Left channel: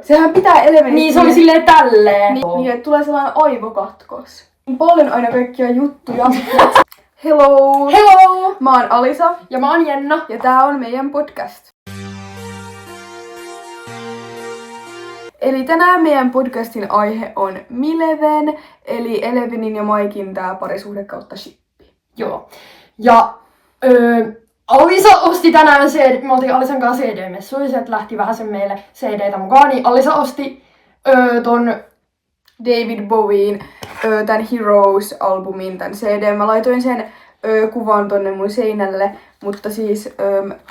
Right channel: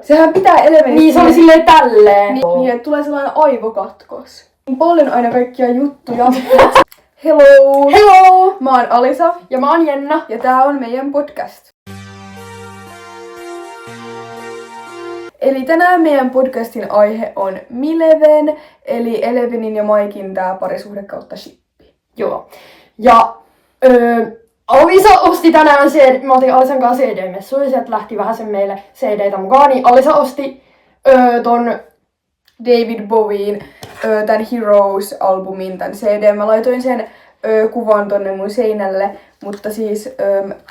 Sehän pitää Elevenistä. Niin, se oli silleen tälleen. Niin, että tulee sellainen aivokatkos. Paljon aina kaikkia juttuja. Hello! Hello! Mä oon Alisa. Ja mä oon Jenna. Ja tää on meidän podcast. Eli tänään meidän podcastin aihe on Mileven, eli Elevenin ja Maikin tää parisuhde kautta shippi. Joo. Ja Alisa osti tänään me oltiin Alisan kanssa CD-messuja, sieltä lähti vähän sen meille CD-tä mukaan, niin Alisa osti ton David Bowien tän Heroes-albumin, tän CD. Mä laitoin sen kuvan tonne mun seinälle, mutta siis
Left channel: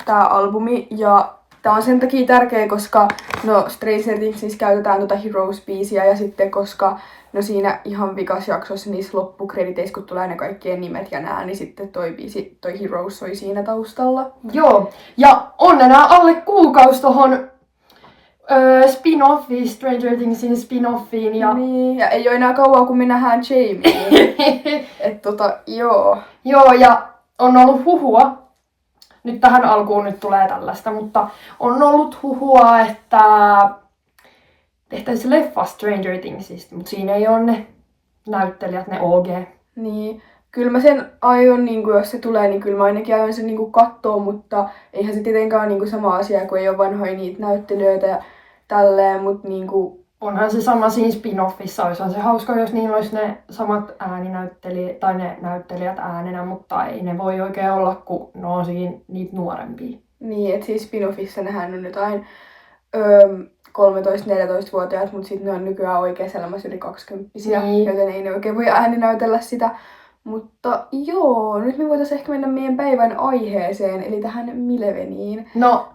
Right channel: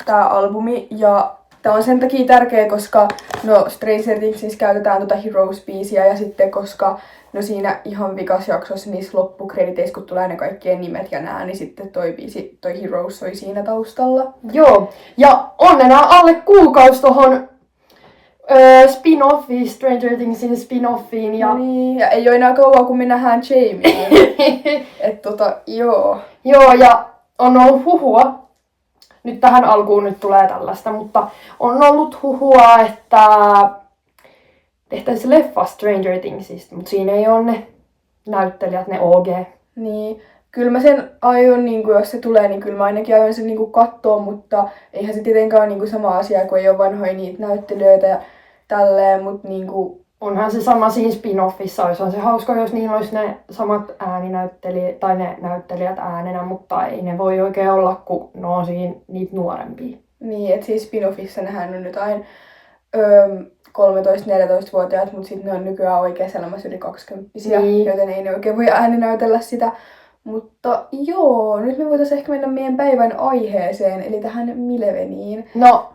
tää albumi, ja tää on sen takia tärkeä, koska no Stranger Thingsissä käytetään tota Heroes-biisiä, ja sitten koska no siinä ihan vikas jaksossa niissä loppukrediteissä, kun tulee ne kaikkien nimet ja nää, niin sitten toi biisi, toi Heroes soi siinä taustalla. Joo, ja on enää alle kuukausi tohon spin-offiin, Stranger Thingsin spin-offiin. Ja... Niin, ja ei oo enää kauan, kun me nähdään Jamie. Joo. Joo, ja on ollut huhua. Nyt tähän alkuun nyt tulee tällaista, mutta on ollut huhua, että tehtäisiin leffa Stranger Thingsista, mutta siinä ei ole ne näyttelijät, ne OG. Niin, kyllä mä sen aion, niin jos se tulee, niin kyllä mä ainakin aion sen niin kattoo, mutta eihän se tietenkään ole niin sama asia, kun ei ole vanhoja niitä näyttelijöitä ja tälleen, mutta niin kuin... Onhan se sama siinä spin-offissa, olisihan se hauska, jos niillä olisi ne samat ääninäyttelijät tai ne näyttelijät äänenä, mutta ei ne voi oikein olla, kun ne on siinä niitä nuorempia. Niin, että siis spin-offissa nehän on jotain 13-14-vuotiaat, mutta sitten ne on nykyään oikeassa elämässä yli 20-vuotiaita, niin. Joten ei ne oikein voi ääninäytellä sitä. Mutta joo, nyt me voitaisiin ehkä mennä meidän päivän aiheeseen, eli tähän Mileveniin. No,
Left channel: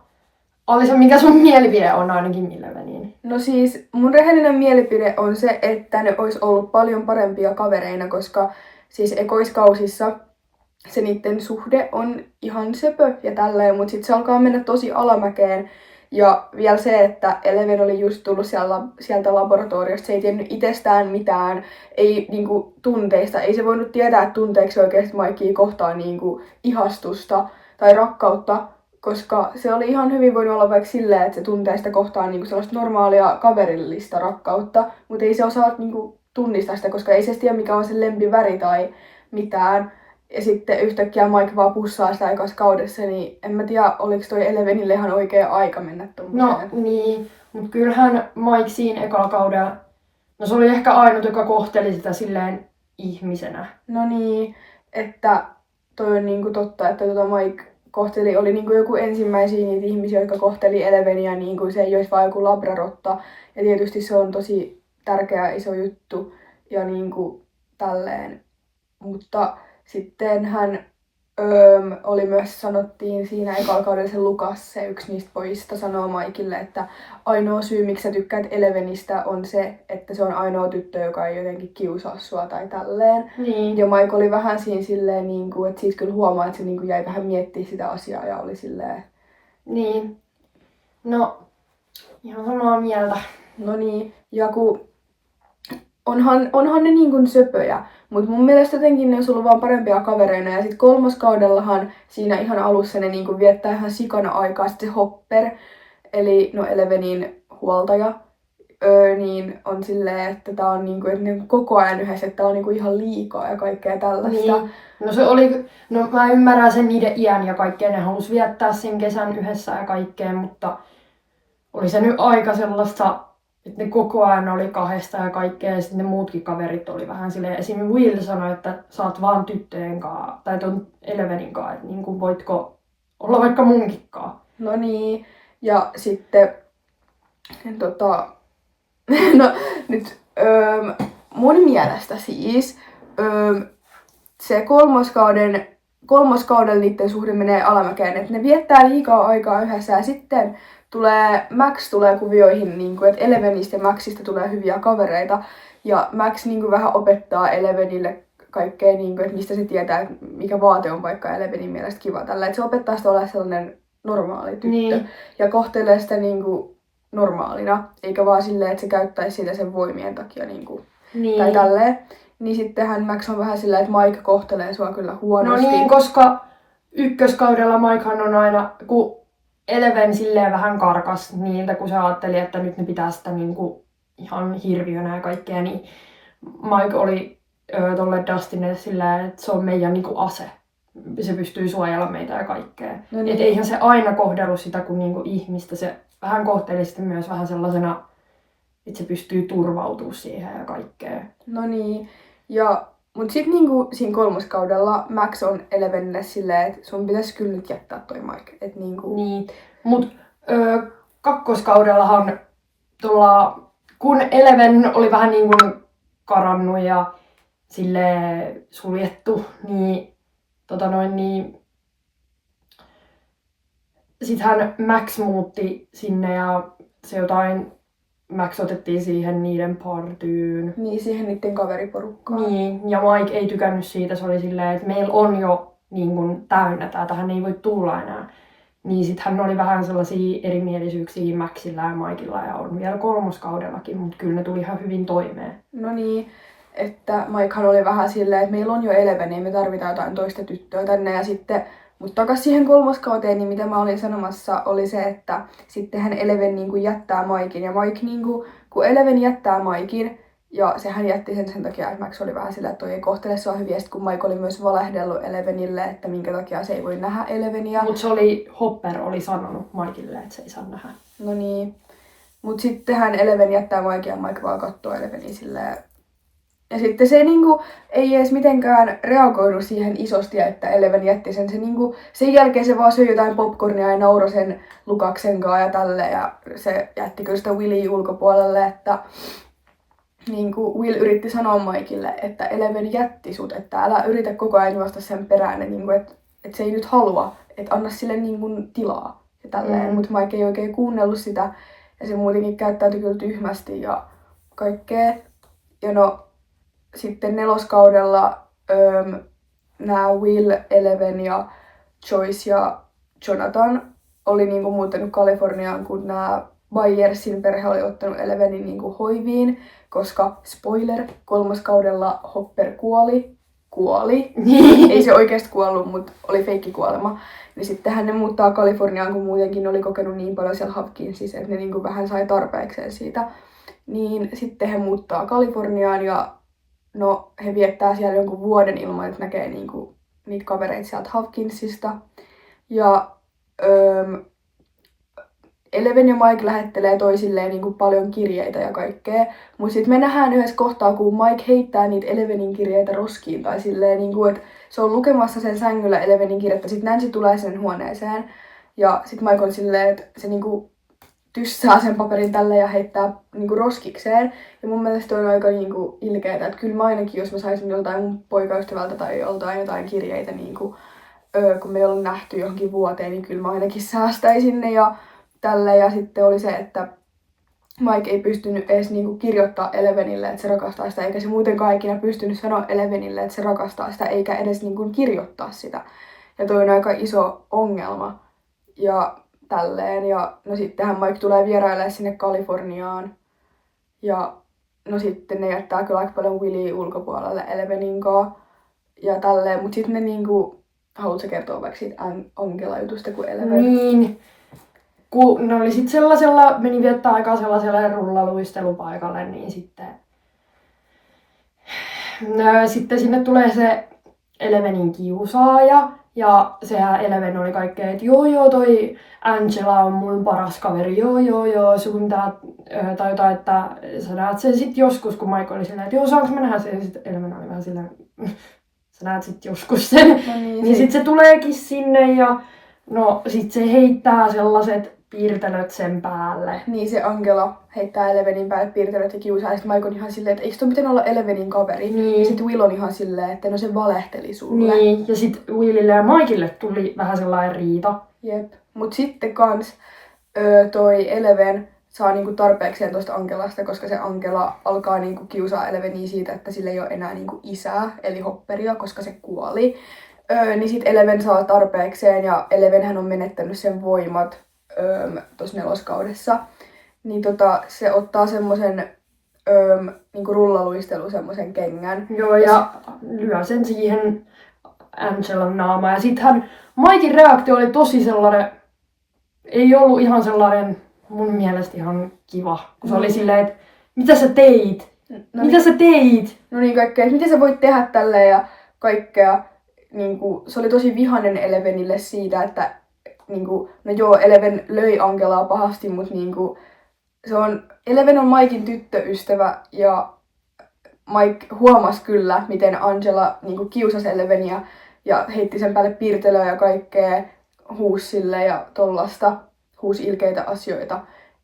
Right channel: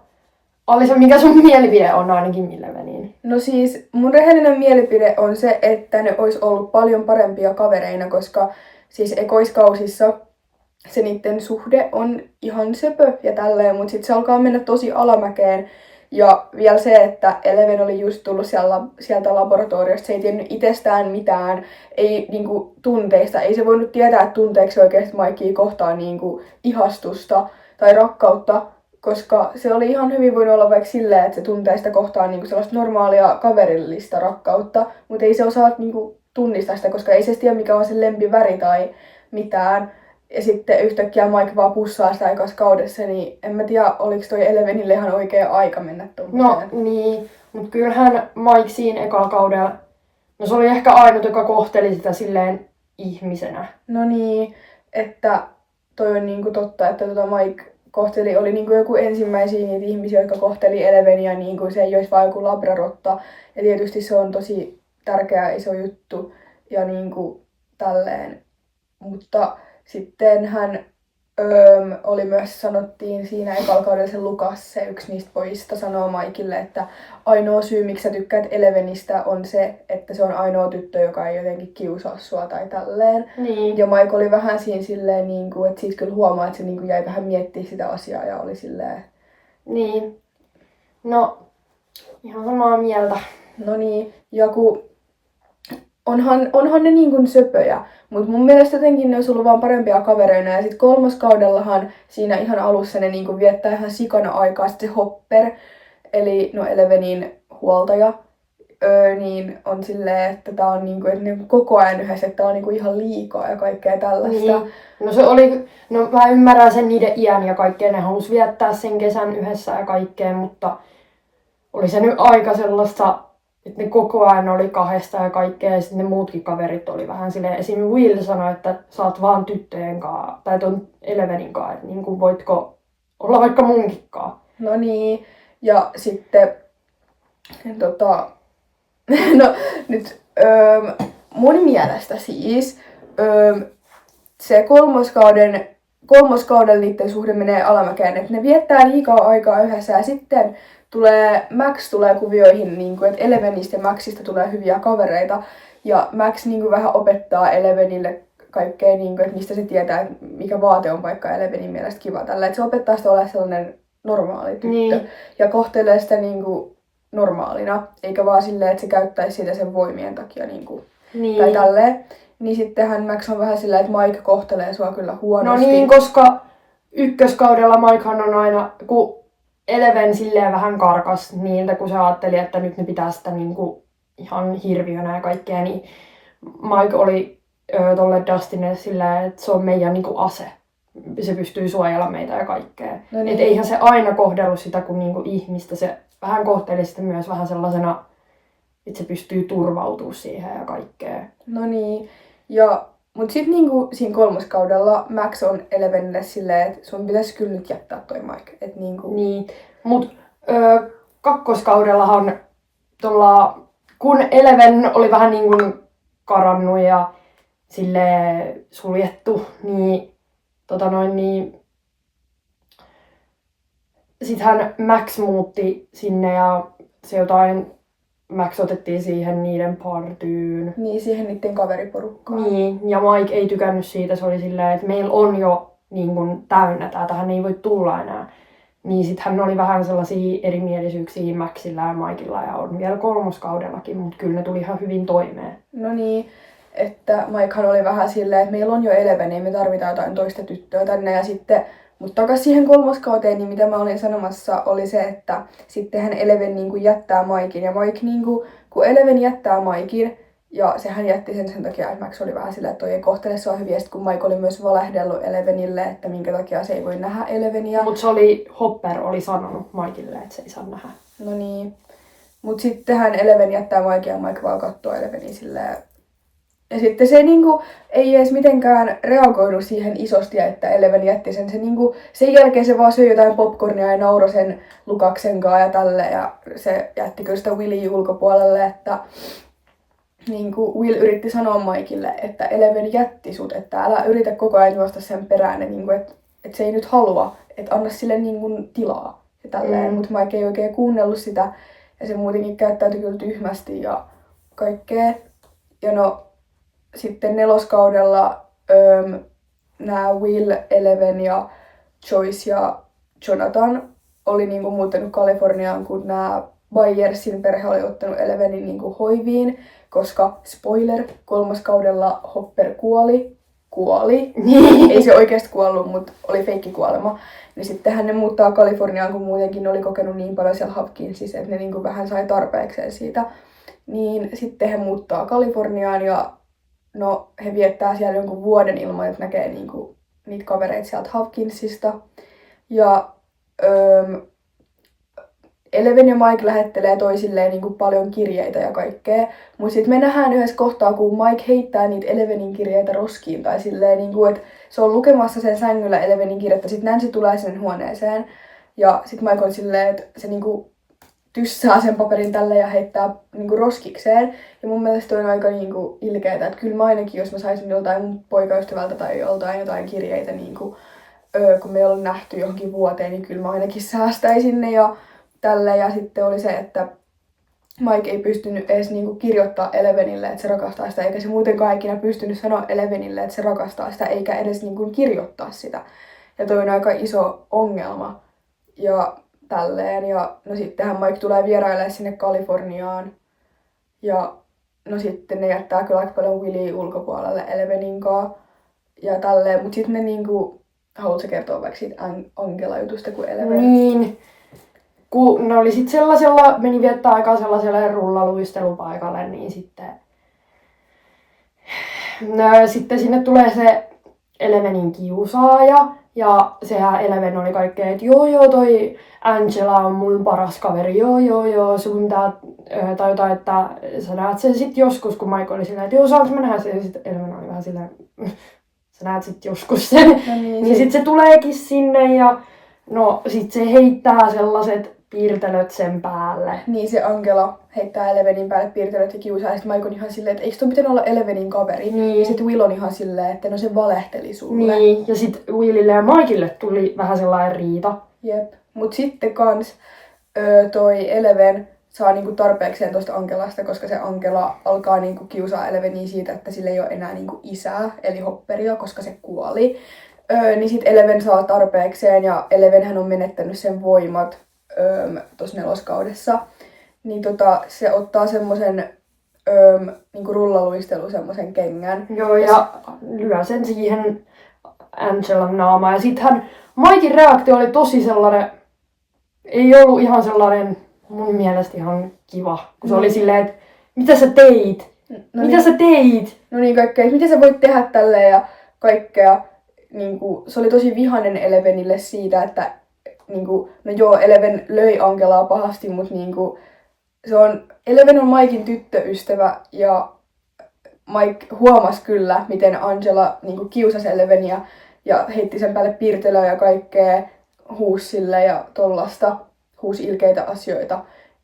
Alisa, mikä sun mielipide on ainakin Mileveniin? No siis, mun rehellinen mielipide on se, että ne olisi ollut paljon parempia kavereina, koska siis ekoiskausissa se niiden suhde on ihan söpö ja tälleen, mutta sitten se alkaa mennä tosi alamäkeen. Ja vielä se, että Eleven oli just tullut sieltä laboratoriosta, se ei tiennyt itsestään mitään, ei niinku tunteista, ei se voinut tietää, että tunteeksi oikeasti Mikea kohtaan niinku ihastusta tai rakkautta, koska se oli ihan hyvin voinut olla vaikka silleen, että se tuntee sitä kohtaan niinku sellaista normaalia kaverillista rakkautta, mutta ei se osaa niinku tunnistaa sitä, koska ei se tiedä mikä on sen lempiväri tai mitään. Ja sitten yhtäkkiä Mike vaan pussaa sitä ekassa kaudessa, niin en mä tiedä, oliko toi Elevenille ihan oikea aika mennä tommoseen. No niin, mutta kyllähän Mike siinä ekalla kaudella, no se oli ehkä ainut, joka kohteli sitä silleen ihmisenä. No niin, että toi on niinku totta, että Mike oli niinku joku ensimmäisiä niitä ihmisiä, jotka kohteli Eleveniä niin kuin se ei olisi vaan joku labrarotta. Ja tietysti se on tosi tärkeä iso juttu ja niinku tälleen, mutta sitten hän oli myös, sanottiin siinä ekalla kaudella se Lukas, se yksi niistä pojista, sanoo Mikelle, että ainoa syy, miksi sä tykkäät Elevenistä on se, että se on ainoa tyttö, joka ei jotenkin kiusaa sua tai tälleen. Niin. Ja Mike oli vähän siinä silleen, niin kuin, että siitä kyllä huomaa, että se niin kuin jäi vähän miettimään sitä asiaa ja oli silleen... Niin. No, ihan samaa mieltä. No niin, ja kun onhan ne niin kuin söpöjä, mutta mun mielestä jotenkin ne olisi ollut vaan parempia kavereina. Ja sitten kolmoskaudellahan siinä ihan alussa ne niin kuin viettää ihan sikana aikaa. Sitten se Hopper, eli no Elevenin huoltaja, niin on silleen, että tää on niin kuin, että ne koko ajan yhdessä, että tää on niin kuin ihan liikaa ja kaikkea tällaista. Niin. No se oli, no mä ymmärrän sen niiden iän ja kaikkea, ne halusi viettää sen kesän yhdessä ja kaikkea, mutta oli se nyt aika sellaista, että ne koko ajan oli kahdesta ja kaikkea, ja sitten ne muutkin kaverit oli vähän silleen, esim. Will sanoi, että sä oot vaan tyttöjen kaa, tai ton Elevenin kaa, että niin kuin voitko olla vaikka munkin kaa. No niin, ja sitten, no nyt mun mielestä siis se kolmoskaudella niiden suhde menee alamäkeen, että ne viettää liikaa aikaa yhdessä ja sitten Max tulee kuvioihin, niin kuin, että Elevenistä ja Maxista tulee hyviä kavereita. Ja Max niin kuin, vähän opettaa Elevenille kaikkea, niin kuin, että mistä se tietää, että mikä vaate on vaikka Elevenin mielestä kiva. Tällä, että se opettaa sitä olemaan sellainen normaali tyttö. Niin. Ja kohtelee sitä niin kuin, normaalina, eikä vaan silleen, että se käyttäisi sitä sen voimien takia. Niin kuin, niin. Tai tälleen. Niin sittenhän Max on vähän silleen, että Mike kohtelee sua kyllä huonosti. No niin, koska ykköskaudella Mikehan on aina, kun Eleven silleen vähän karkas niiltä, kun se ajatteli, että nyt ne pitää sitä niinku ihan hirviönä ja kaikkea, niin Mike oli tolle Dustinille silleen, että se on meidän niinku ase. Se pystyy suojella meitä ja kaikkea. No niin. Et eihän se aina kohdellut sitä kuin niinku ihmistä. Se vähän kohteli sitä myös vähän sellaisena, että se pystyy turvautumaan siihen ja kaikkea. No niin. Mut sit niinku siinä kolmoskaudella Max on Elevenille silleen, että sun pitäisi kyllä nyt jättää toi Mike. Et niinku... Niin. Mut kakkoskaudellahan kun Eleven oli vähän niin kuin karannut ja sille suljettu, niin sittenhän Max muutti sinne ja se Max otettiin siihen niiden partyyn. Niin, siihen niiden kaveriporukkaan. Niin, ja Mike ei tykännyt siitä, se oli silleen, että meillä on jo niin kuin täynnä tää, tähän ei voi tulla enää. Niin sit hän oli vähän sellaisia erimielisyyksiä Maxilla ja Mikella ja on vielä kolmoskaudellakin, mutta kyllä ne tuli ihan hyvin toimeen. No niin, että Mikehan oli vähän silleen, että meillä on jo Eleven, ei me tarvitaan jotain toista tyttöä tänne ja sitten, mutta takas siihen kolmoskauteen, niin mitä mä olin sanomassa, oli se, että sittenhän Eleven niinku jättää Mikein ja Mike niinku, kun Eleven jättää Mikein, ja sehän jätti sen takia, että Max oli vähän sillä, että toi ei kohtele sua hyvin, ja sit kun Mike oli myös valehdellut Elevenille, että minkä takia se ei voi nähdä Eleveniä. Mutta Hopper oli sanonut Mikelle, että se ei saa nähdä. No niin. Mut sittenhän Eleven jättää Mike ja Mike vaan kattoo Eleveniä silleen. Ja sitten se niinku ei edes mitenkään reagoinut siihen isosti, että Eleven jätti sen. Se niinku, sen jälkeen se vaan söi jotain popcornia ja nauroi sen Lukaksen kanssa ja tälleen. Ja se jätti kyllä sitä Willia ulkopuolelle, että niinku Will yritti sanoa Mikelle, että Eleven jätti sut, että älä yritä koko ajan juosta sen perään, niinku, että se ei nyt halua, että anna sille niinku tilaa ja tälleen. Mut Mike ei oikein kuunnellut sitä ja se muutenkin käyttäytyi kyllä tyhmästi ja kaikkea. Ja no sitten neloskaudella nämä Will, Eleven ja Joyce ja Jonathan oli niinku muuttanut Kaliforniaan, kun nämä Byersin perhe oli ottanut Elevenin niinku hoiviin, koska spoiler, kolmoskaudella Hopper kuoli. Ei se oikeasti kuollut, mutta oli feikkikuolema. Niin sittenhän ne muuttaa Kaliforniaan, kun muutenkin oli kokenut niin paljon siellä Hopkinsissa, että ne niinku vähän sai tarpeekseen siitä. Niin sitten he muuttaa Kaliforniaan ja no, he viettää siellä jonkun vuoden ilman, että näkee niinku niitä kavereita sieltä Hopkinsista. Ja Eleven ja Mike lähettelee toisilleen niinku paljon kirjeitä ja kaikkea. Mut sit me nähdään yhdessä kohtaa, kun Mike heittää niitä Elevenin kirjeitä roskiin. Tai silleen, niinku, että se on lukemassa sen sängyllä Elevenin kirjettä. Sit Nancy tulee sen huoneeseen. Ja sit Mike on silleen, että se niinku tyssää sen paperin tälle ja heittää niinku roskikseen. Ja mun mielestä on aika niinku ilkeetä, että kyllä mä ainakin, jos mä saisin joltain mun poikaystävältä tai joltain jotain kirjeitä, niinku, kun me ei olla nähty johonkin vuoteen, niin kyllä mä ainakin säästäisin ne ja tälle. Ja sitten oli se, että Mike ei pystynyt edes niinku kirjoittaa Elevenille, että se rakastaa sitä, eikä se muutenkaan ikinä pystynyt sanoa Elevenille, että se rakastaa sitä, eikä edes niinku kirjoittaa sitä. Ja toi on aika iso ongelma. Ja tälleen. Ja no sittenhän Mike tulee vierailemaan sinne Kaliforniaan. Ja no sitten ne jättää kyllä aika paljon Willia ulkopuolelle Elevenin kanssa. Ja tälleen. Mut sitten ne niinku, haluatko kertoa vaikka siitä Angela-jutusta kuin Eleven? Niin. Kun ne oli sit sellaisella, meni viettää aikaa sellaiselle rullaluistelupaikalle, niin sitten sinne tulee se Elevenin kiusaaja. Ja sehän Eleven oli kaikkea, että joo, toi Angela on mun paras kaveri, joo, sun tää, tai jotain, että sä näet sen sit joskus, kun Mike oli silleen, että joo, saanko mä nähdä sen, ja sit Eleven oli vähän silleen, sä näet sit joskus sen. No niin sit se tuleekin sinne, ja no sit se heittää sellaiset piirtelöt sen päälle. Niin se Angela heittää Elevenin päälle piirtelöt ja kiusaa, ja sit Mike on ihan silleen, että eikö toi pitänyt olla Elevenin kaveri? Niin. Ja sit Will on ihan silleen, että no se valehteli sulle. Niin, ja sit Willille ja Mikelle tuli vähän sellainen riita. Jep. Mut sitten kans toi Eleven saa niinku tarpeekseen tosta Angelasta, koska se Angela alkaa niinku kiusaa Eleveniä siitä, että sillä ei ole enää niinku isää, eli Hopperia, koska se kuoli. Niin sit Eleven saa tarpeekseen, ja Elevenhän on menettänyt sen voimat tossa neloskaudessa. Niin se ottaa semmosen niinku rullaluistelu semmosen kengän. Joo, ja lyö sen siihen Angelan naamaan. Ja sittenhän Mikein reaktio oli tosi sellainen, ei ollut ihan sellainen mun mielestä ihan kiva. Kun se oli silleen, että mitä sä teit? Mitä sä teit? No niin, kaikkea, että miten sä voit tehdä tälleen ja kaikkea. Niin kuin, se oli tosi vihainen Elevenille siitä, että niin kuin, no joo, Eleven löi Angelaa pahasti, mutta niin kuin, Eleven on Mikein tyttöystävä ja Mike huomasi kyllä, miten Angela niin kuin, kiusasi Eleveniä ja heitti sen päälle piirtelöä ja kaikkea, huusi sille ja tollasta, huusi ilkeitä asioita.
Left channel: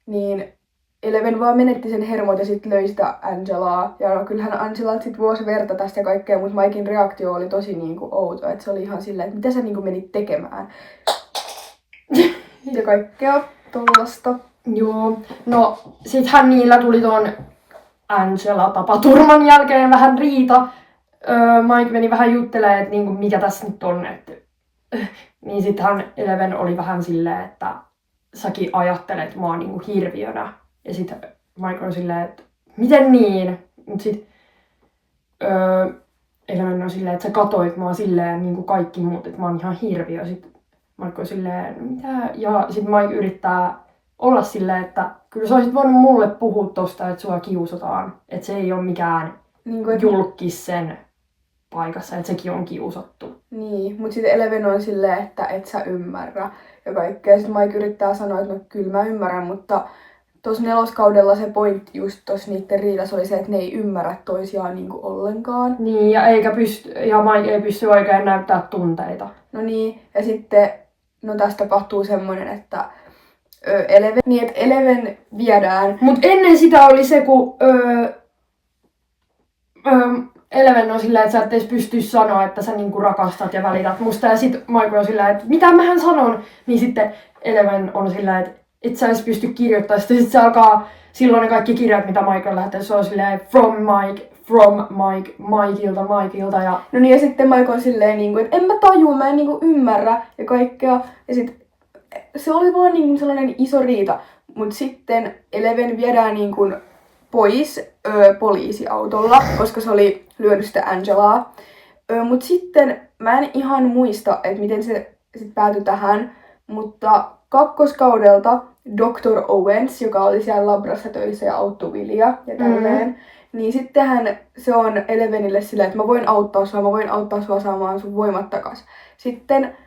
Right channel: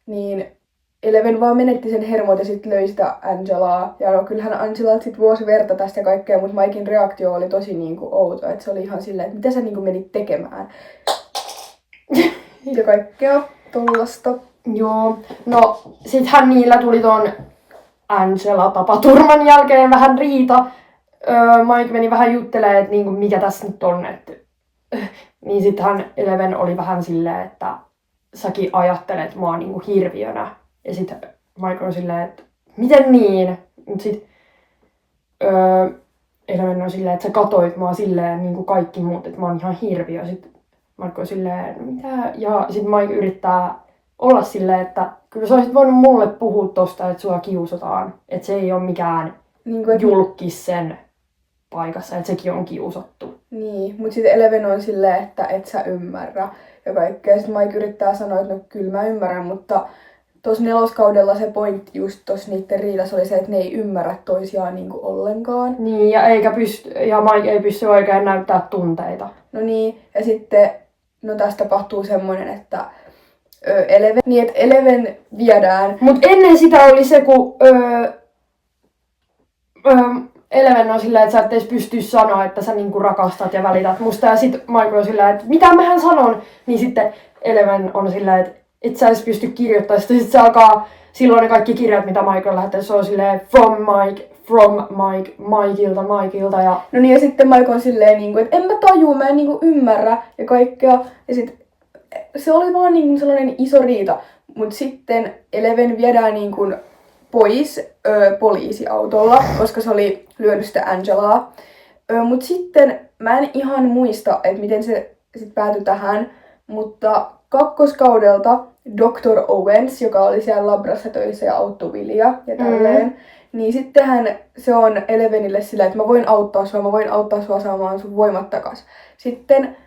Niin Eleven vaan menetti sen hermot ja sitten löi sitä Angelaa. Ja no, kyllähän Angelalta sitten vuosi verta tästä ja kaikkea, mutta Mikein reaktio oli tosi niinku outo. Että se oli ihan silleen, että mitä sä niinku menit tekemään. Ja kaikkea tollasta. Joo, no sittenhän niillä tuli ton Angela-tapaturman jälkeen vähän riita. Mike meni vähän juttelemaan, että niinku, mikä tässä nyt on. Niin sittenhän Eleven oli vähän silleen, että säkin ajattelet mua niinku hirviönä. Ja sitten Mike on silleen, että miten niin? Mut sit Eleven on silleen, että sä katoit mua silleen niin kuin kaikki muut, että mä oon ihan hirviö. Sitten Mike on silleen, mitä? Ja sitten Mike yrittää olla silleen, että kyllä sä olisit voinut mulle puhua tosta, että sua kiusataan. Että se ei ole mikään Niin kuin, julkis sen paikassa, että sekin on kiusattu. Niin, mutta sitten Eleven on silleen, että et sä ymmärrä ja kaikkea. Sitten Mike yrittää sanoa, että no kyllä mä ymmärrän, mutta tuossa neloskaudella se pointti just tuossa niiden riidassa oli se, että ne ei ymmärrä toisiaan niinku ollenkaan. Niin, ja Mike ei pysty oikein näyttää tunteita. No niin, ja sitten no tästä tapahtuu semmoinen, että Eleven viedään. Mut ennen sitä oli se, kun Eleven on silleen, että sä et edes pysty sanoa, että sä niinku rakastat ja välität musta. Ja sit Mike on silleen, että mitä mähän sanon? Niin sitten Eleven on silleen, että et sä edes pysty kirjoittamaan. Sitten se alkaa, silloin ne kaikki kirjat, mitä Mike on lähettänyt, se on silleen from Mike, Mikeilta. Ja No niin, ja sitten Mike on silleen, niinku, että en mä tajua, mä en niinku ymmärrä ja kaikkea. Ja sit se oli vaan niinku sellainen iso riita. Mut sitten Eleven viedään niinku pois poliisiautolla, koska se oli lyönyt sitä Angelaa. Mut sitten mä en ihan muista, että miten se sit päätyi tähän, mutta kakkoskaudelta Dr. Owens, joka oli siellä labrassa töissä ja auttoi Willia ja tälleen, niin sittenhän se on Elevenille silleen, että mä voin auttaa sua saamaan sun voimat takas. Sitten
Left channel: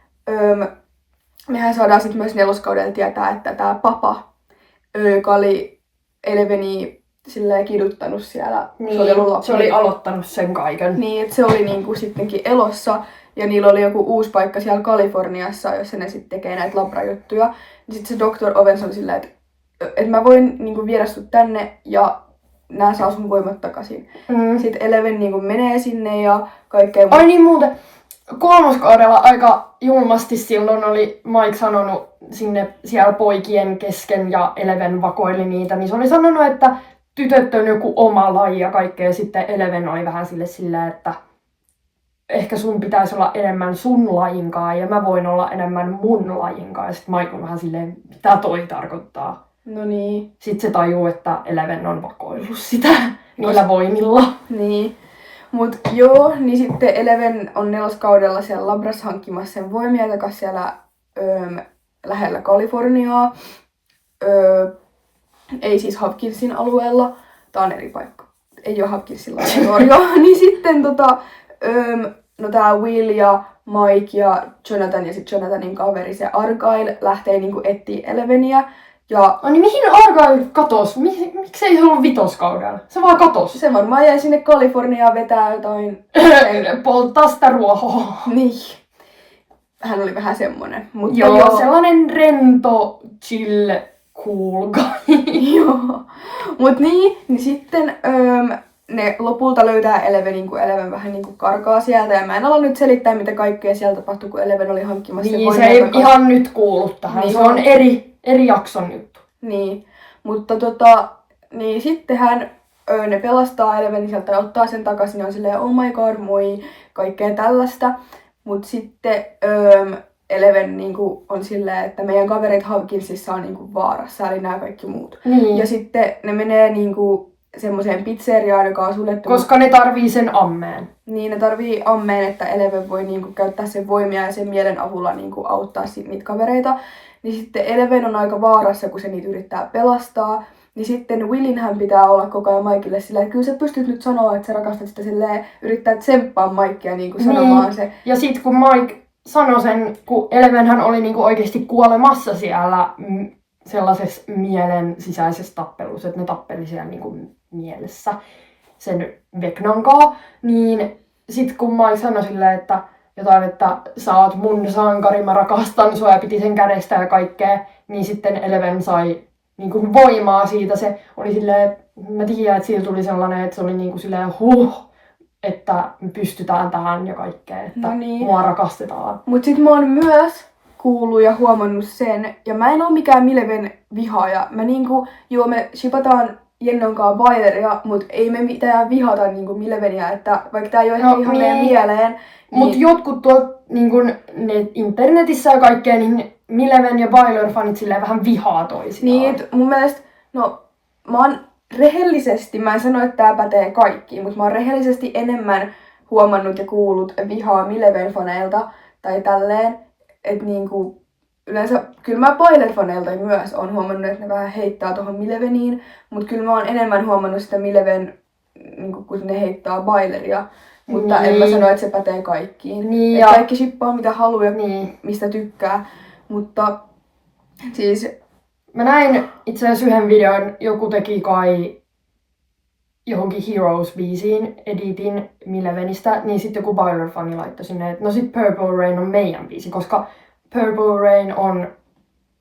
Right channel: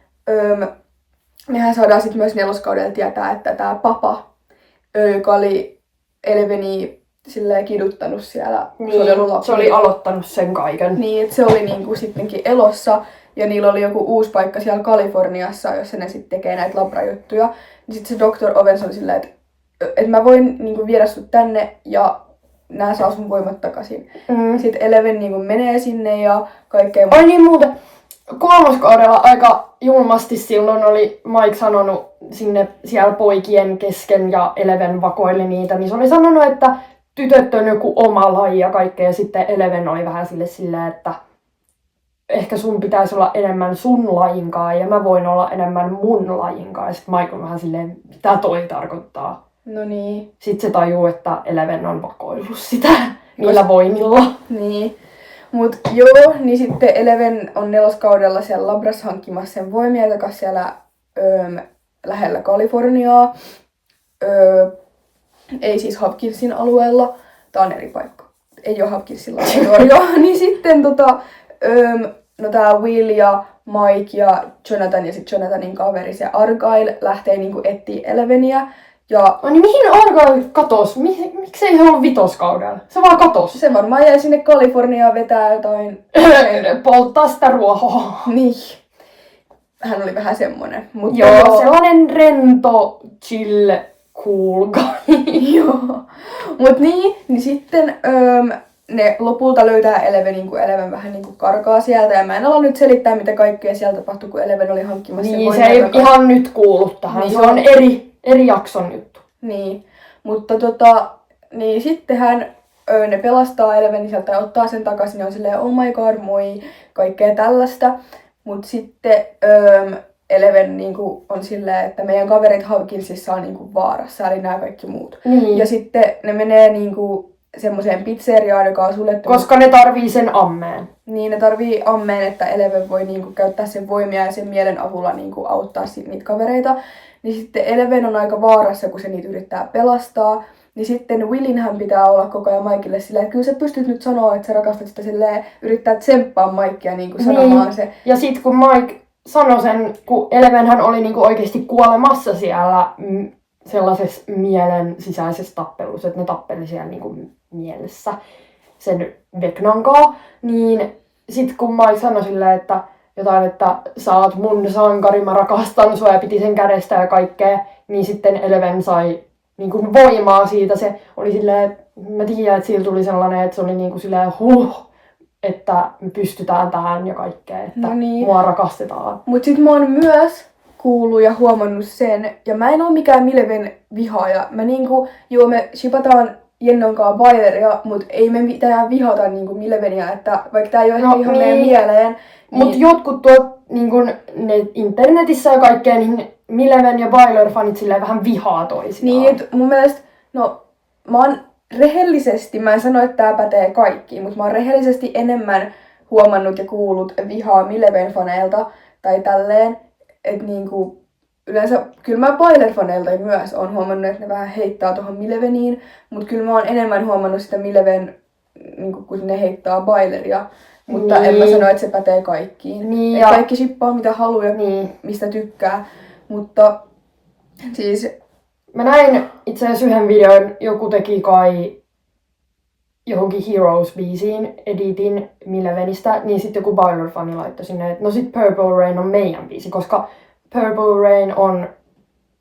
mehän saadaan sitten myös neloskaudella tietää, että tää papa, joka oli Eleveni silleen kiduttanut siellä. niin, se oli aloittanut sen kaiken. Niin, että se oli niinku sittenkin elossa ja niillä oli joku uusi paikka siellä Kaliforniassa, jossa ne sitten tekee näitä labrajuttuja. Niin sitten se Dr. Owens on silleen, että mä voin niinku viedä sut tänne ja nää saa sun voimat takaisin. Sitten Eleven niinku menee sinne ja kaikkea. Ai niin muuten, kolmoskaudella aika julmasti silloin oli Mike sanonut sinne siellä poikien kesken ja Eleven vakoili niitä, niin se oli sanonut, että tytöt on joku oma laji ja kaikkea. Ja sitten Eleven oli vähän sillä, että ehkä sun pitäisi olla enemmän sun lajinkaan ja mä voin olla enemmän mun lajinkaan. Ja sitten Mike on vähän silleen, mitä toi tarkoittaa. No niin. Sitten se tajuu, että Eleven on vakoillut sitä niillä voimilla. Niin. Mut joo, niin sitten Eleven on neloskaudella siellä labras hankkimassa sen voimia takas siellä lähellä Kaliforniaa. Ei siis Hopkinsin alueella. Tää on eri paikka. Ei oo Hopkinsin laboratorio. Niin sitten no tää Will ja Mike ja Jonathan ja sitten Jonathanin kaveri se Argyle lähtee niinku etsiä Eleveniä. Ja niin mihin Argyle katos? Miksei se ollut vitoskaudella? Se vaan katos. Se varmaan jäi sinne Kaliforniaan vetää jotain. Polttaa sitä ruohoa. Niin. Hän oli vähän semmonen. Mutta joo, sellainen rento, chill, cool guy. Joo. Mut niin sitten ne lopulta löytää Elevenin, kun Eleven vähän niinku karkaa sieltä. Ja mä en ala nyt selittää, mitä kaikkea siellä tapahtui, kun Eleven oli hankkimassa niin, se ei ihan nyt kuulu tähän. Niin, se on eri jakson juttu. Niin, mutta niin sittenhän ne pelastaa Elevenin sieltä ja ottaa sen takaisin ja on silleen, oh my god, moi, kaikkea tällaista. Mut sitten Eleven niinku on silleen, että meidän kaverit Hopkinsissa on niinku vaarassa, eli nämä kaikki muut. Niin. Ja sitten ne menee niinku semmoiseen pizzeriaan, joka on suljettu. Koska ne tarvii sen ammeen. Niin, ne tarvii ammeen, että Eleven voi niinku käyttää sen voimia ja sen mielen avulla niinku auttaa niitä kavereita. niin sitten Eleven on aika vaarassa, kun se niitä yrittää pelastaa. Niin sitten Willinhän pitää olla koko ajan Mikelle sillä, että kyllä sä pystyt nyt sanoa, että sä rakastat sitä silleen, yrittää tsemppaa Mikea niin kuin sanomaan se. Ja sit kun Mike sanoi sen, kun Elevenhän oli niinku oikeasti kuolemassa siellä sellaisessa mielen sisäisessä tappelussa, että ne tappeli siellä niinku mielessä sen Vecnan kanssa, niin sit kun Mike sanoi silleen, että jotain, että sä oot mun sankari, mä rakastan sua ja piti sen kädestä ja kaikkea, niin sitten Eleven sai niinku voimaa siitä. Se oli silleen, mä tiedän, että sillä tuli sellainen, että se oli niinku silleen että me pystytään tähän ja kaikkea, että mua rakastetaan. Mut sit mä oon myös kuullut ja huomannut sen, ja mä en oo mikään Mileven vihaaja. Mä niinku, joo me shipataan Jennonkaan Baileria, mut ei me mitään vihata niinku Mileveniä, että vaikka tää ei oo ehkä ihan meidän mieleen. Niin... Mut jotkut tuolta niinku internetissä ja kaikkea, niin Mileven ja Bailer-fanit silleen vähän vihaa toisiaan. Niin, et mun mielestä, no mä oon rehellisesti, mä en sano, että tää pätee kaikkiin, mutta mä oon rehellisesti enemmän huomannut ja kuullut vihaa Mileven-faneilta tai tälleen, että niinku yleensä, kyllä mä Bailer-faneilta myös oon huomannut, että ne vähän heittää tohon Mileveniin, mutta kyllä mä oon enemmän huomannut sitä Mileven, niinku, kun ne heittää Baileria, mutta en mä sano, että se pätee kaikkiin. Niin, ja kaikki shippaa mitä haluaa ja mistä tykkää, mutta siis... Mä näin itse asiassa yhden videon, joku teki kai johonkin Heroes-biisiin editin Milevenistä, niin sitten joku Bailer-fani laittoi sinne, että no sit Purple Rain on meidän biisi, koska Purple Rain on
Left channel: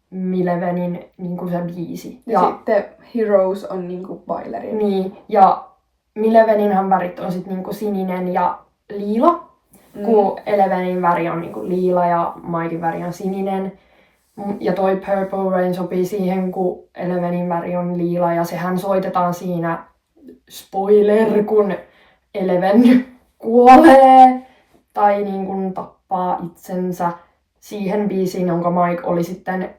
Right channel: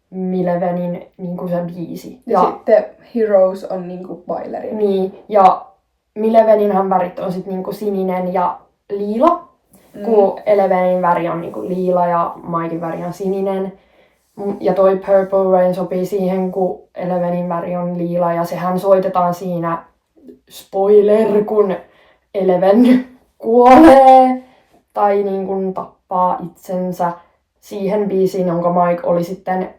Milevenin niinku se biisi. Ja sitten Heroes on niinku Bailerin. Niin, ja Mileveninhan värit on sit niinku sininen ja liila, kun Elevenin väri on niinku liila ja Mikein väri on sininen. Ja toi Purple Rain sopii siihen, kun Elevenin väri on liila ja sehän soitetaan siinä, spoiler, kun Eleven kuolee tai niin kuin tappaa itsensä siihen biisiin, jonka Mike oli sitten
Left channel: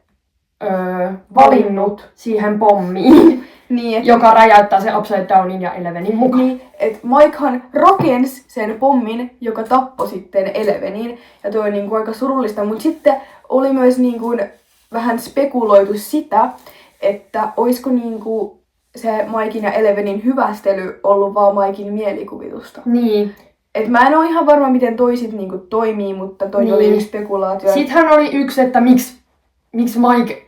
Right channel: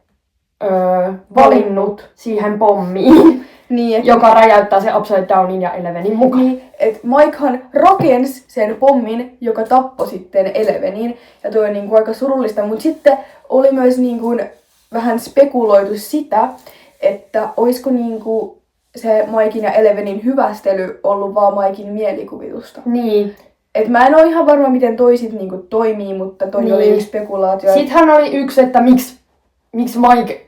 valinnut siihen pommiin, niin, joka räjäyttää se Upside Downin ja Elevenin mukaan. Niin, että Mikehan rakensi sen pommin, joka tappoi sitten Elevenin, ja toi on niinku aika surullista, mutta sitten oli myös niinku vähän spekuloitu sitä, että olisiko niinku se Mikein ja Elevenin hyvästely ollut vaan Mikein mielikuvitusta. Niin. Et mä en oo ihan varma, miten toisit niinku toimii, mutta toi oli yksi spekulaatio. Sittenhän oli yksi, että miksi Mike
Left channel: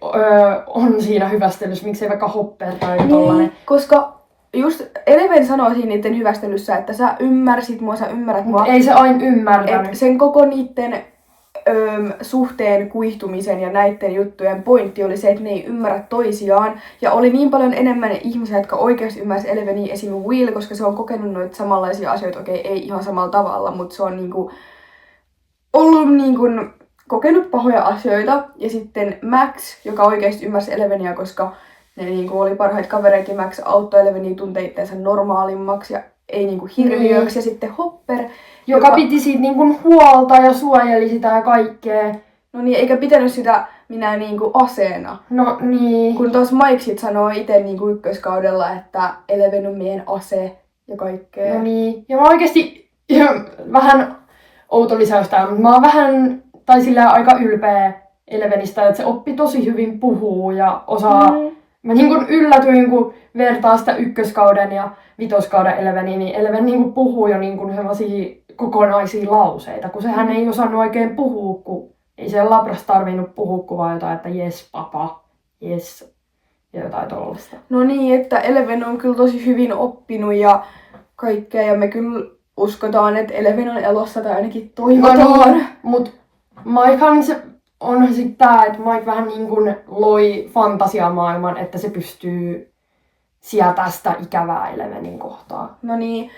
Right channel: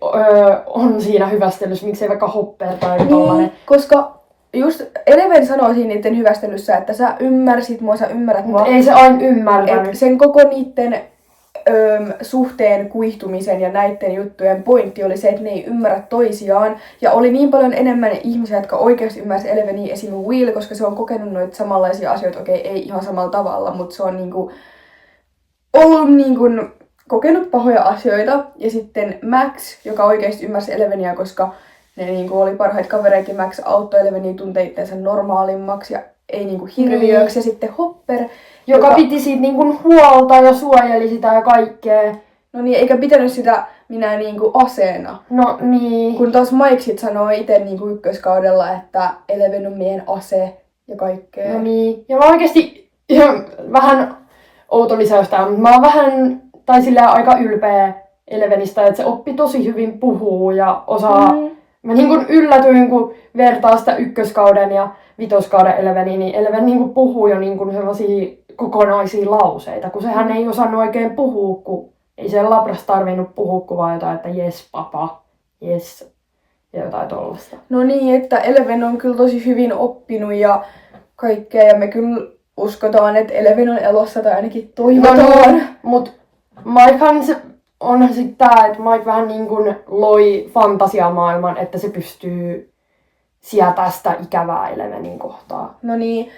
on siinä hyvästelyssä, miksi ei vaikka Hopper tai tollanen. Koska just Eleven sanoo siinä niiden hyvästelyssä, että sä ymmärsit mua, sä ymmärrät mua. Ei se aina ymmärtänyt. Sen koko niiden suhteen kuihtumisen ja näiden juttujen pointti oli se, että ne ei ymmärrä toisiaan. Ja oli niin paljon enemmän ihmisiä, jotka oikeasti ymmärsivät Eleveniä, esimerkiksi Will, koska se on kokenut noita samanlaisia asioita, okei, ei ihan samalla tavalla, mutta se on niinku ollut niinku kokenut pahoja asioita. Ja sitten Max, joka oikeasti ymmärsi Eleveniä, koska ne niinku oli parhaita kavereita, Max auttoi Eleveniä tuntee itseänsä normaalimmaksi ja ei niinku hirviöksi. Ja sitten Hopper, joka piti siitä niinku huolta ja suojeli sitä ja kaikkea. No niin, eikä pitänyt sitä minä niinku aseena. No niin. Kun tos Mike sit sanoo ite niinku ykköskaudella, että Eleven on meidän ase ja kaikkea. No niin. Ja mä oikeesti ihan vähän outo lisäys tää, mutta mä oon vähän, tai sillä aika ylpeä Elevenistä, että se oppi tosi hyvin puhuu ja osaa. Mä niinku yllätyin, kun vertaa sitä ykköskauden ja vitoskauden Eleveniin, niin Eleven niinku puhuu jo niinku sellaisia kokonaisia lauseita, kun sehän ei osannut oikein puhua, kun ei se labras tarvinnut puhua, kun vaan jotain, että jes papa, jes, ja jotain tollaista. No niin, että Eleven on kyllä tosi hyvin oppinut ja kaikkea, ja me kyllä uskotaan, että Eleven on elossa, tai ainakin toivotaan. No, mut Mikehan se onhan sit tää, että Mike vähän niin kuin loi fantasiamaailman, että se pystyy sieltä sitä ikävää Elevenin kohtaa. No niin,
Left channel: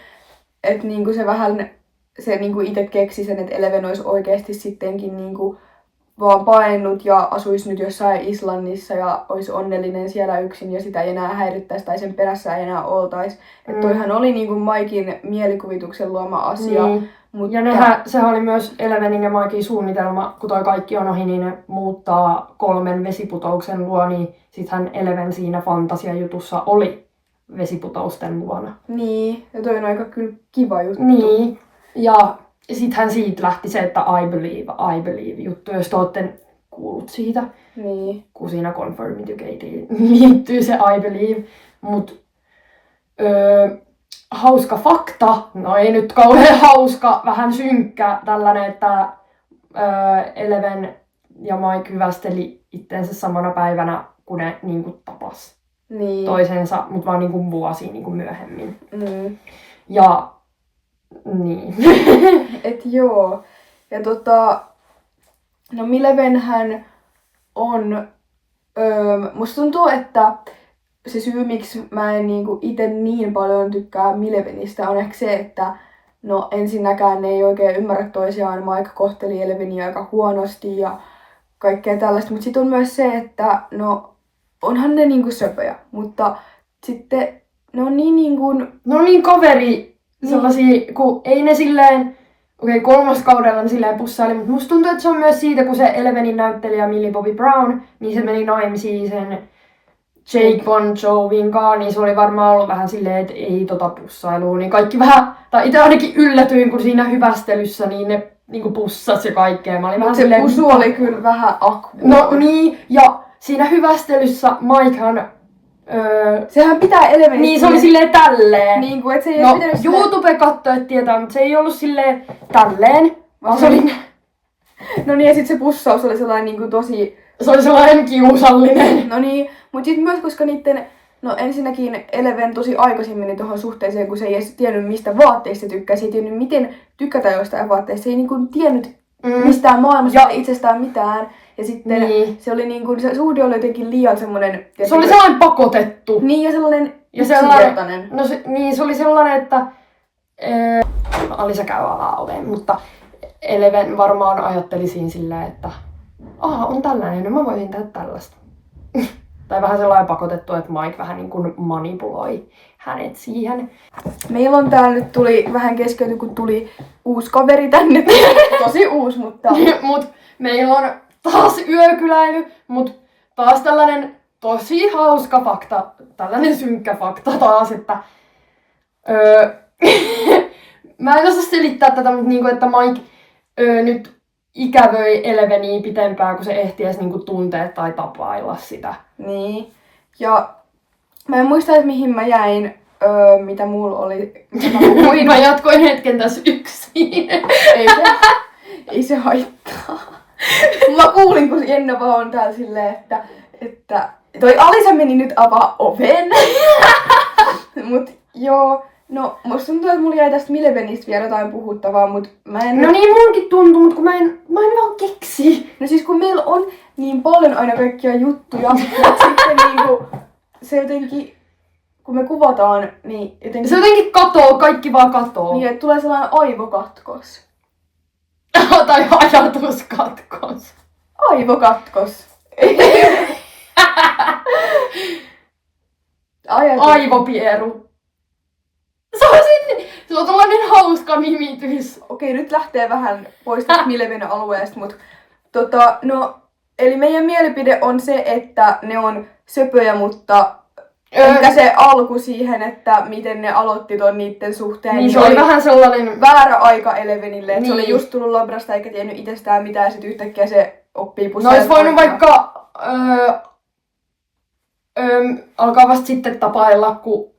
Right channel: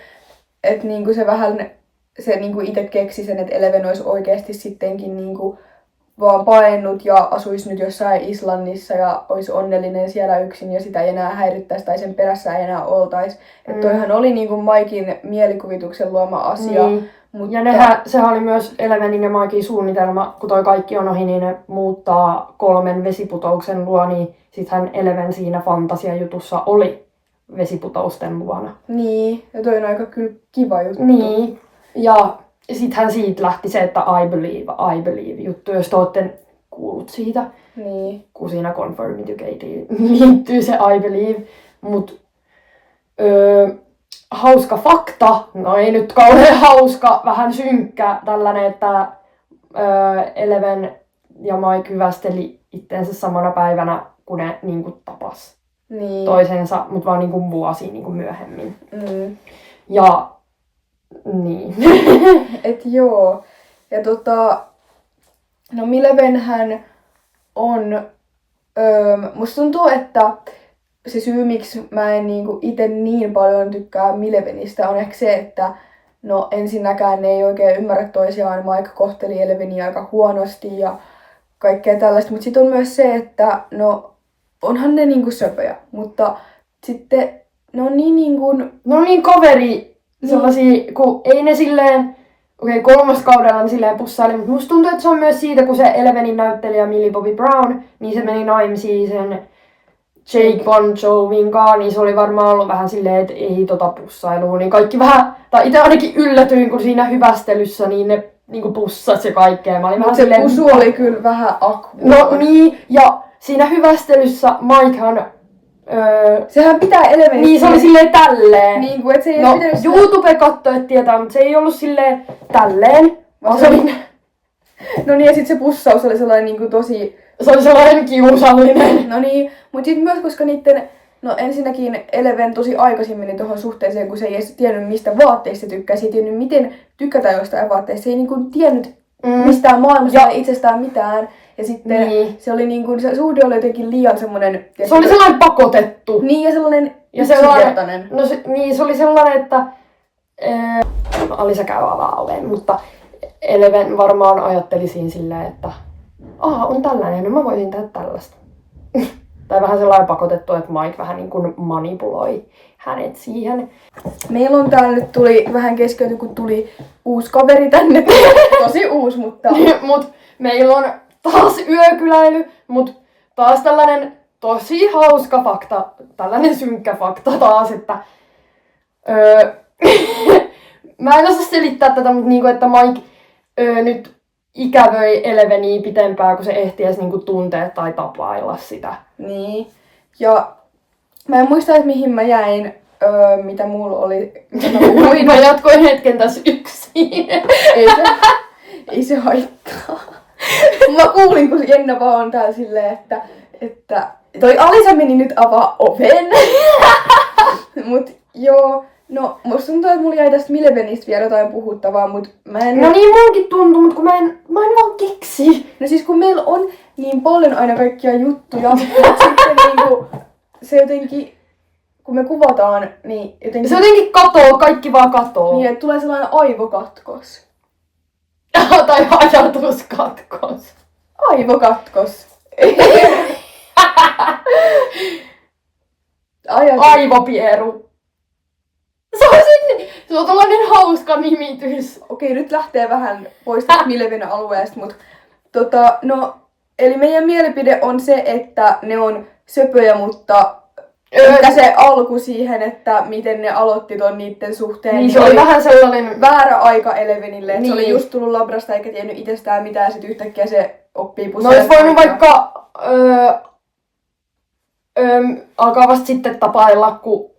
että niinku se vähän, se niinku itse keksi sen, että Eleven olisi oikeasti sittenkin niinku vaan paennut ja asuisi nyt jossain Islannissa ja olisi onnellinen siellä yksin ja sitä ei enää häirittäisi tai sen perässä ei enää oltaisi. Että toihan oli niinku Mikein mielikuvituksen luoma asia. Mutta... Ja sehän oli myös Elevenin ja Mikein suunnitelma, kun toi kaikki on ohi, niin ne muuttaa 3 vesiputouksen luo, niin sittenhän Eleven siinä fantasiajutussa oli vesiputousten luona. Niin, ja toi on aika kyllä kiva juttu. Niin, ja sittenhän siitä lähti se, että I believe juttu. Jos te olette kuullut siitä. Niin. Kun siinä Conformity-Gateen liittyy se I Believe. Mut hauska fakta, no ei nyt kauhean hauska, vähän synkkä tällainen, että Eleven ja Mike hyvästeli itteensä samana päivänä, kun ne niinku tapas toisensa, mutta vaan niinku vuosia niinku myöhemmin. Ja niin. Et joo. Ja no Milevenhän on, musta tuntuu, että se syy, miksi mä en niinku ite niin paljon tykkää Milevenistä, on ehkä se, että no ensinnäkään ne ei oikein ymmärrä toisiaan. Mike kohteli Eleveniä aika huonosti ja kaikkea tällaista. Mutta sitten on myös se, että no onhan ne niinku söpöjä, mutta sitten ne on niin niinku... Ne on niin kaveri sellaisia, kun ei ne silleen... Okei, 3. kaudella ne silleen pussaili, mutta musta tuntuu, että se on myös siitä, kun se Elevenin näyttelijä Millie Bobby Brown, niin se meni naimisiin sen Jake Bon Jovin kanssa, niin se oli varmaan ollut vähän silleen, että ei pussailua, niin kaikki vähän, tai itse ainakin yllätyin, kun siinä hyvästelyssä, niin ne niinku pussasi ja kaikkea. Mä olin vähän se silleen, pusu oli kyllä vähän akkuun. No niin, ja siinä hyvästelyssä Mikehan... sehän pitää Elevenistä... Niin, se oli silleen tälleen. Niin kuin, et se ei no, pitänyt YouTube-kattojat tietää, mutta se ei ollut silleen tälleen. Vaan se oli... No niin, ja sit se pussaus oli sellainen niinku tosi... Se oli sellainen kiusallinen. No niin, mut sit myös koska niitten... No ensinnäkin Eleven tosi aikaisin meni tohon suhteeseen, kun se ei edes tiennyt mistä vaatteista tykkää. Se ei tiennyt miten tykätään jostain vaatteista. Se ei niinku tiennyt mistään maailmassa ja itsestään mitään. Ja sitten se oli niinku, se suhde oli jotenkin liian semmonen... Se oli sellainen pakotettu. Niin, ja sellainen yksinkertainen. No niin, se oli sellainen, että... Alisa käy avaa mutta Eleven varmaan ajatteli siinä silleen, että on tällainen, no mä voisin tehdä tällaista. Tai vähän sellainen pakotettu, että Mike vähän niin kuin manipuloi hänet siihen. Meillä on täällä nyt tuli vähän keskeyty, kun tuli uusi kaveri tänne. Tosi uusi, mutta... Mut meillä on taas yökyläily, mut taas tällainen tosi hauska fakta, tällainen synkkä fakta taas, että mä en osaa selittää tätä, mutta niinku, että Mike nyt ikävöi Eleveniä pitempään, kun se ehti edes niinku tuntea tai tapailla sitä. Niin. Ja mä en muista, että mihin mä jäin, mitä mulla oli, mitä mä puhuin. Mä jatkoin hetken tässä yksin. Ei se haittaa. Mä kuulin, kun Jenna vaan on täällä silleen, että toi Alisa meni nyt avaa oven. Mut joo, no musta tuntuu, että mulla jäi tästä Milevenistä vielä jotain puhuttavaa, mut mä en... No niin munkin tuntuu, mut kun mä en vaan keksi. No siis kun meillä on niin paljon aina kaikkia juttuja, mut sitten niinku se jotenkin, kun me kuvataan, niin jotenkin... Se jotenkin katoo, kaikki vaan katoo. Niin, että tulee sellainen aivokatkos. Tai ajatuskatkos. Aivokatkos. Aivopieru. Se on tällainen hauska nimitys. Okei, nyt lähtee vähän pois tästä Mileven alueesta, mutta no, eli meidän mielipide on se, että ne on söpöjä, mutta ehkä se alku siihen, että miten ne aloitti ton niitten suhteen. Niin se oli vähän sellainen... väärä aika Elevenille, että niin. Se oli just tullut labrasta eikä tiennyt itsestään mitään ja sit yhtäkkiä se oppii No pussaamaan. olisi voinut vaikka alkaa vasta sitten tapailla, kun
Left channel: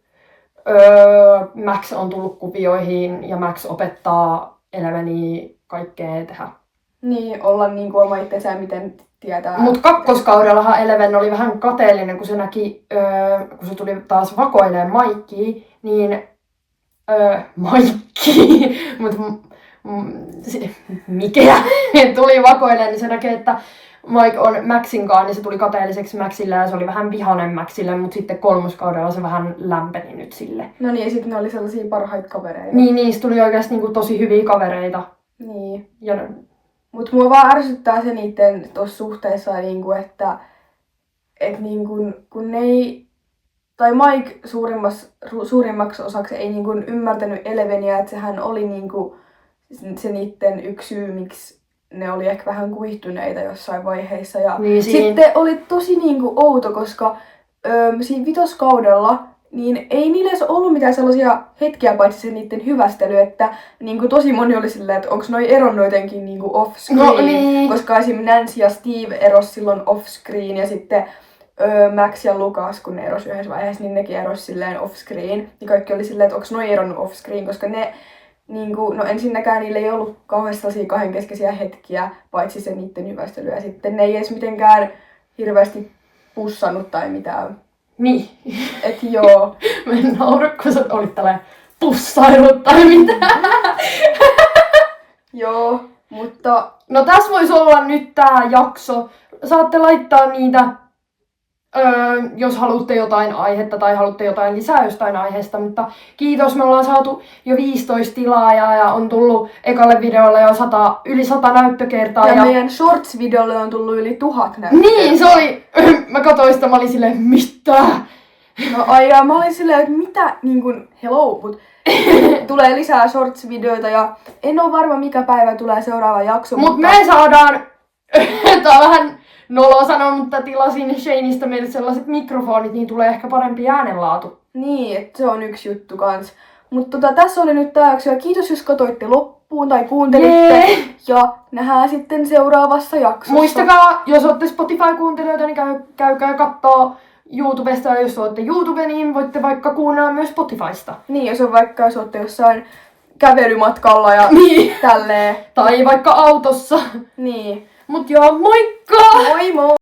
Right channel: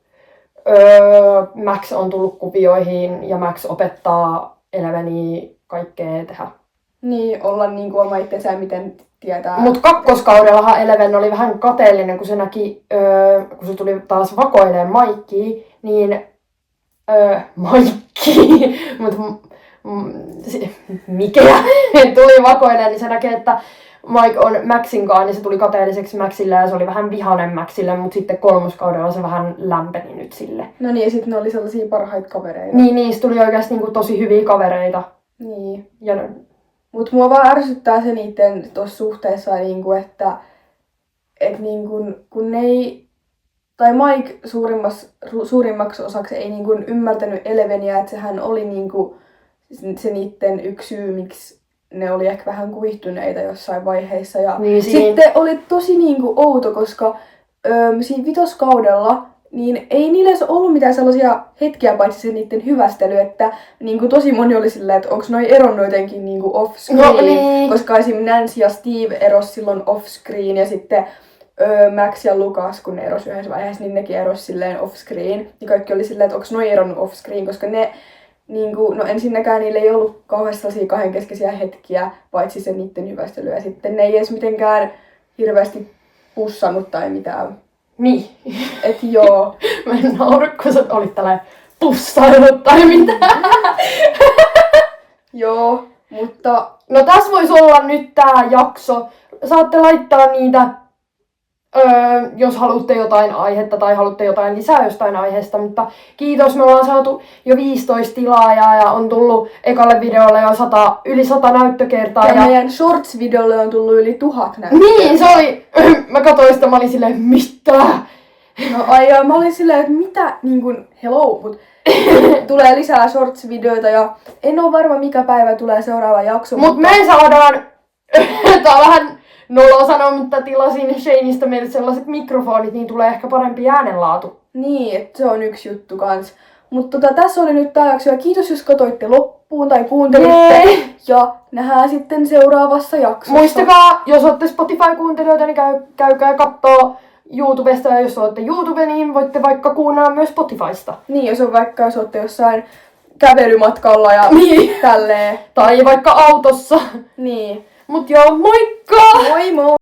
Max on tullut kuvioihin ja Max opettaa Eleveniä kaikkea tehdä. Niin, olla niinku oma itsensä miten tietää. Mut kakkoskaudellahan Eleven oli vähän kateellinen, kun se näki, kun se tuli taas vakoilemaan Mikea, niin Mikeä tuli vakoilemaan, niin se näkee, että Mike on Maxin kanssa, niin se tuli kateelliseksi Maxille ja se oli vähän vihainen Maxille, mutta sitten kolmoskaudella se vähän lämpeni nyt sille. No niin, ja sitten ne oli sellaisia parhaita kavereita. Niin, niistä tuli oikeasti niinku tosi hyviä kavereita. Niin. Ja mut mua vaan ärsyttää se niitten tossa suhteessa, niinku, että niinku, kun ne ei... Tai Mike suurimmaksi osaksi ei niinku ymmärtänyt Eleveniä, että sehän oli niinku se niitten yksi syy, miksi ne oli ehkä vähän kuihtuneita jossain vaiheessa. Ja niin, sitten oli tosi niinku outo, koska siinä vitoskaudella niin ei niillä edes ollut mitään sellaisia hetkiä paitsi se niiden hyvästely, että niinku tosi moni oli silleen, että onko noi eronnut jotenkin niinku off-screen, No niin. koska esim. Nancy ja Steve eros silloin off-screen ja sitten Max ja Lucas, kun ne eros yhdessä vaiheessa, niin nekin eros silleen off-screen. Ja kaikki oli silleen, että onko noi eronnut off-screen, koska ne niinku, no ensinnäkään niillä ei ollut kauheasti sellaisia kahdenkeskeisiä hetkiä, paitsi se niiden hyvästely. Ja sitten ne ei edes mitenkään hirveästi pussannut tai mitään. Niin. Et joo. Mä en nauru, kun sä olit tällainen pussailut tai mitään. Joo, mutta No tässä voisi olla nyt tää jakso. Saatte laittaa niitä, jos haluatte jotain aihetta tai haluatte jotain lisää jostain aiheesta, mutta kiitos, me ollaan saatu jo 15 tilaajaa ja on tullut ekalle videolle jo yli 100 näyttökertaa. ja meidän shorts-videolle on tullut yli 1000 näyttökertaa. Niin, se oli, mä katsoin sitä, mä olin silleen, mitä? No ai ja mä olin silleen, että mitä, niin kuin, hello, mut tulee lisää shorts-videoita ja en oo varma mikä päivä tulee seuraava jakso. Mut me saadaan, tää on vähän noloa sanoa, mutta tilasin Shaneista meille sellaiset mikrofonit, niin tulee ehkä parempi äänenlaatu. Niin, että se on yksi juttu kans. Mutta tässä oli nyt tää jakso ja kiitos jos katsoitte loppuun tai kuuntelitte. Jee. Ja nähdään sitten seuraavassa jaksossa. Muistakaa, jos olette Spotify-kuuntelijoita, niin käykää kattoo YouTubesta, ja jos olette YouTube, niin voitte vaikka kuunnella myös Spotifysta. Niin, jos on vaikka jos olette jossain kävelymatkalla ja Niin. tälleen. Tai vaikka autossa. Niin. Mut joo, moikka! Moi moi!